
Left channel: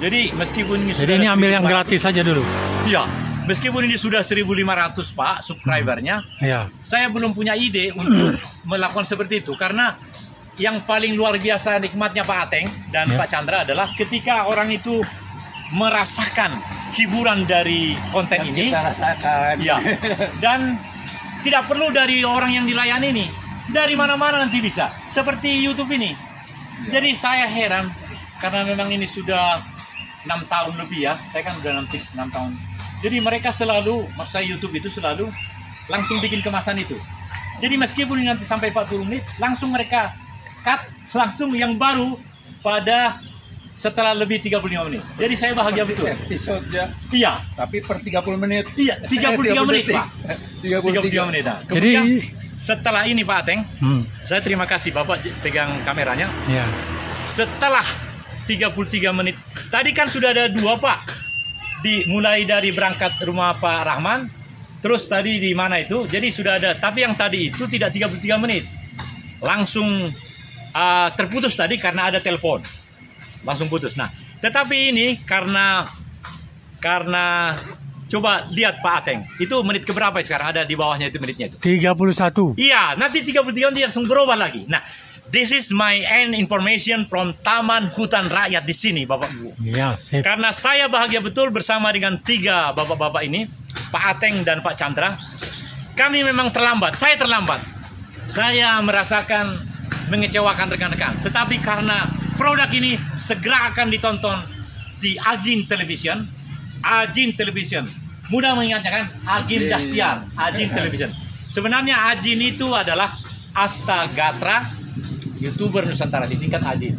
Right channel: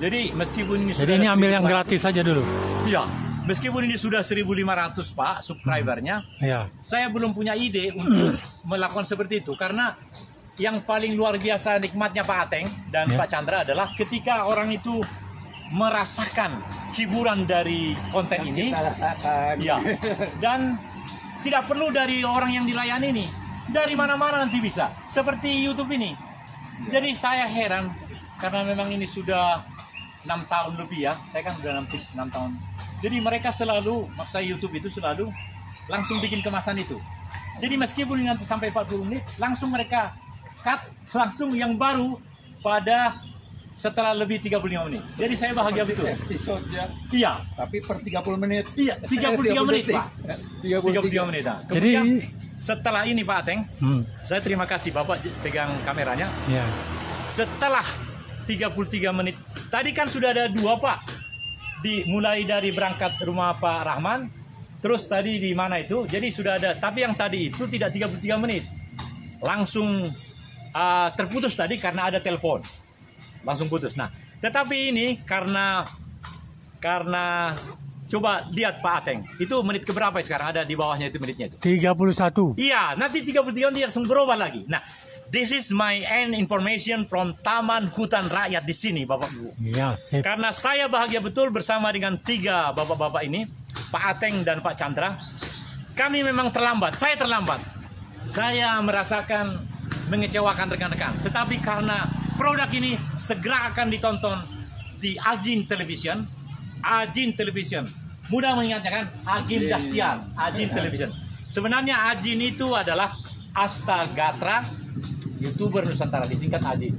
Jadi meskipun ini Jadi ini ambil yang gratis saja dulu. Iya, meskipun ini sudah 1.500 Pak subscribernya, Iya. saya belum punya ide untuk melakukan seperti itu karena yang paling luar biasa nikmatnya Pak Ateng dan Pak Chandra adalah ketika orang itu merasakan hiburan dari konten Yang ini, kita rasakan. ya, dan tidak perlu dari orang yang dilayani ini, dari mana-mana nanti bisa, seperti YouTube ini. Jadi saya heran karena memang ini sudah 6 tahun lebih ya, saya kan udah 6 tahun. Jadi mereka selalu, maksud saya YouTube itu selalu langsung bikin kemasan itu. Jadi meskipun ini nanti sampai 40 menit, langsung mereka cut langsung yang baru pada setelah lebih 35 menit. Jadi saya bahagia betul. Episode ya. Iya. Tapi per 30 menit. Iya, 33 menit Pak. 33 menit. Nah. Jadi Setelah ini Pak Ateng, saya terima kasih Bapak pegang kameranya. iya. Setelah 33 menit, tadi kan sudah ada 2 Pak. Mulai dari berangkat rumah Pak Rahman, terus tadi di mana itu, jadi sudah ada. Tapi yang tadi itu tidak 33 menit. Langsung terputus tadi karena ada telepon. Langsung putus. Nah, tetapi ini karena coba lihat Pak Ateng, itu menit keberapa sekarang ada di bawahnya itu menitnya itu? 31. Iya, nanti 33 nanti langsung berubah lagi. Nah, this is my end information from Taman Hutan Rakyat di sini, Bapak Ibu. Iya, sip. Karena saya bahagia betul bersama dengan 3 bapak-bapak ini, Pak Ateng dan Pak Chandra. Kami memang terlambat, saya terlambat. Saya merasakan mengecewakan rekan-rekan. Tetapi karena produk ini segera akan ditonton di Ajin Television. Ajin Television. Mudah mengingatnya kan? Ajin Dastian, Ajin Television. Sebenarnya Ajin itu adalah Astagatra, YouTuber Nusantara, disingkat Ajin.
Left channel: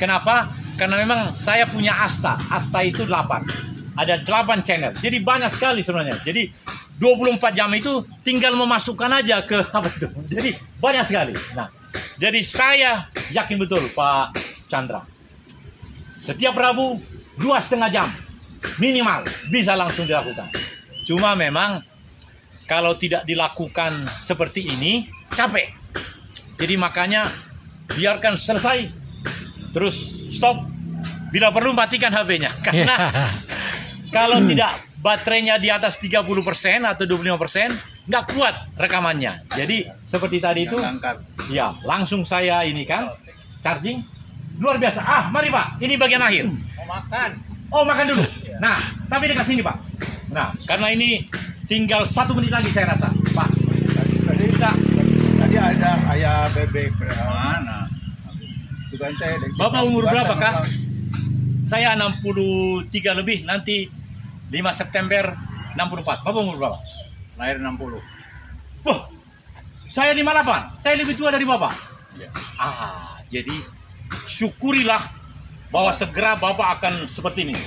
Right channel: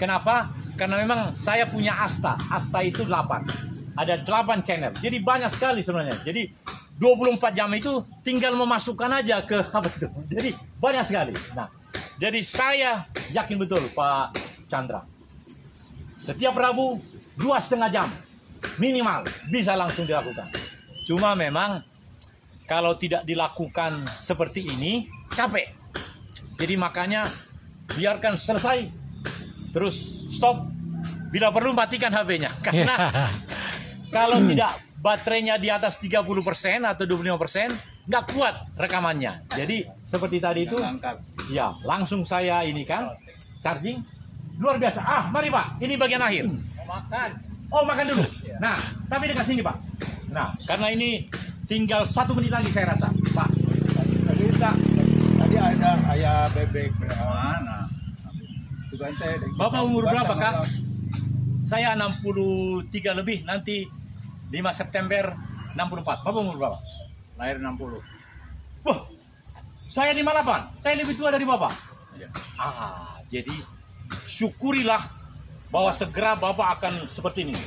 Kenapa? Karena memang saya punya Asta. Asta itu 8. Ada 8 channel. Jadi banyak sekali sebenarnya. Jadi 24 jam itu tinggal memasukkan aja ke apa itu. Jadi banyak sekali. Nah, jadi saya yakin betul Pak Chandra. Setiap Rabu 2,5 jam minimal bisa langsung dilakukan. Cuma memang kalau tidak dilakukan seperti ini capek. Jadi makanya biarkan selesai, terus stop. Bila perlu matikan HP-nya. Karena kalau tidak baterainya di atas 30% atau 25%, nggak kuat rekamannya. Jadi seperti tadi itu, ya langsung saya ini kan charging luar biasa. Mari Pak, ini bagian akhir. Oh makan dulu. Nah, tapi dekat sini Pak. Nah, karena ini tinggal 1 menit lagi saya rasa, Pak. Tadi ada ayah bebek mana? Bapak umur berapa Kak? Saya 63 lebih, nanti 5 September 64. Bapak umur berapa? Lahir 60. Saya 58. Saya lebih tua dari Bapak. Ya. Jadi syukurilah bahwa segera Bapak akan seperti ini.